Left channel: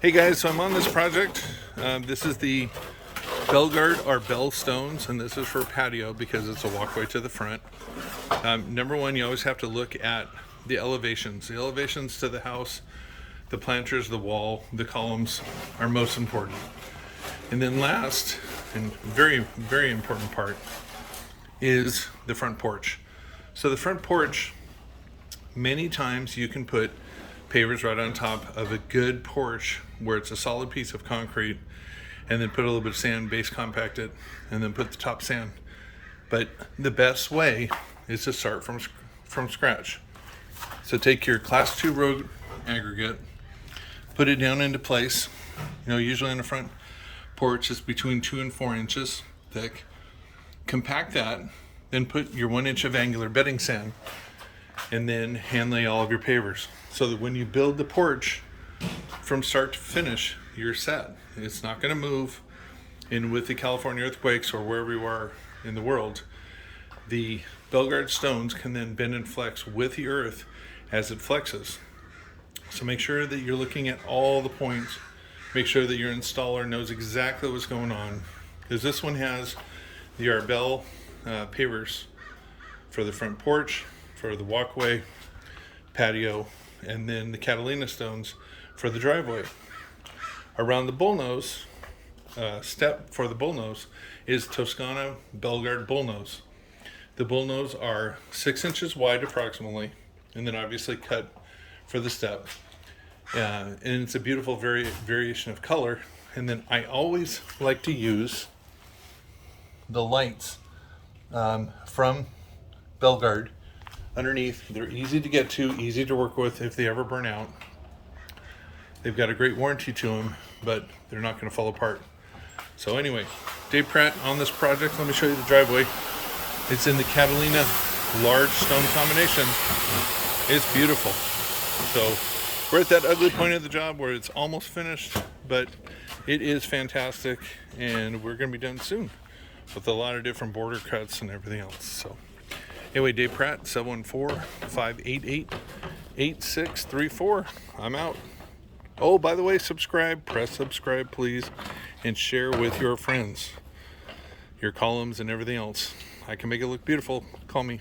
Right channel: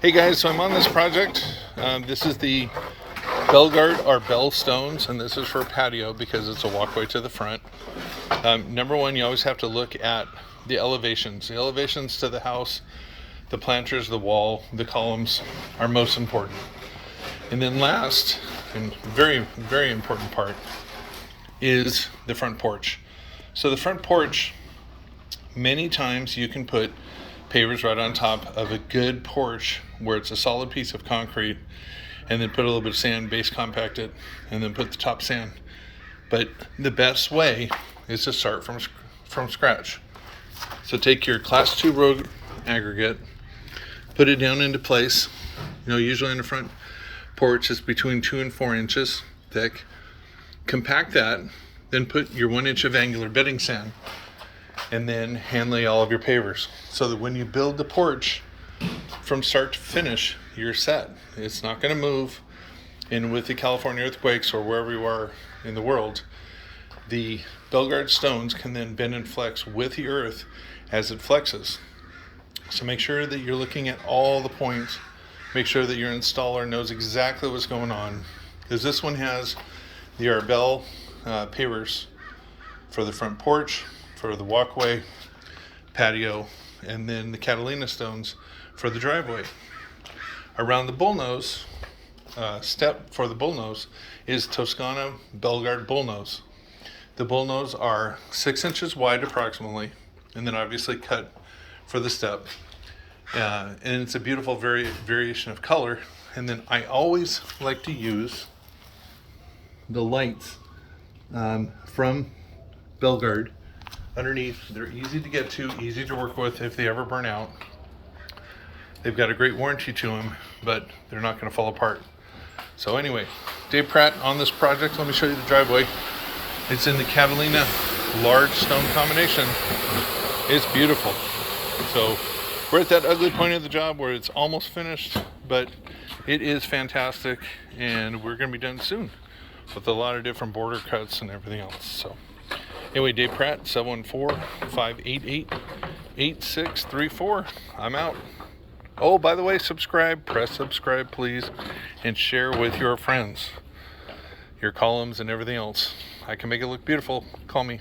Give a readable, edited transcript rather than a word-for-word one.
Hey guys, so I'm on this project. This is the Belgard Arbel stones, and this is for patio because it's a walkway to the front. Number one, you always have to look at the elevations. The elevations to the house, the planters, the wall, the columns are most important. And then last, and very, very important part, is the front porch. So the front porch, many times you can put pavers right on top of a good porch where it's a solid piece of concrete, and then put a little bit of sand, base compact it, and then put the top sand. But the best way is to start from scratch. So take your class 2 road aggregate, put it down into place. Usually in the front porch it's between 2 and 4 inches thick. Compact that, then put your 1 inch of angular bedding sand, and then hand lay all of your pavers so that when you build the porch from start to finish, you're set. It's not going to move. And with the California earthquakes or wherever you are in the world, the Belgard stones can then bend and flex with the earth as it flexes. So make sure that you're looking at all the points. Make sure that your installer knows exactly what's going on, because this one has the Arbel pavers for the front porch, for the walkway, patio, and then the Catalina stones for the driveway. Around the bullnose, step for the bullnose is Toscana Belgard bullnose. The bullnose are 6 inches wide approximately, and then obviously cut for the step. And it's a beautiful variation of color. And then I always like to use the lights from Belgard underneath. They're easy to get to, easy to work with if they ever burn out. They've got a great warranty to them, but they're not going to fall apart. So anyway, Dave Pratt on this project. Let me show you the driveway. It's in the Catalina large stone combination. It's beautiful. So we're at that ugly point of the job where it's almost finished, but it is fantastic, and we're going to be done soon with a lot of different border cuts and everything else. So anyway, Dave Pratt, 714-588-8634. I'm out. Oh, by the way, subscribe. Press subscribe, please, and share with your friends your columns and everything else. I can make it look beautiful. Call me.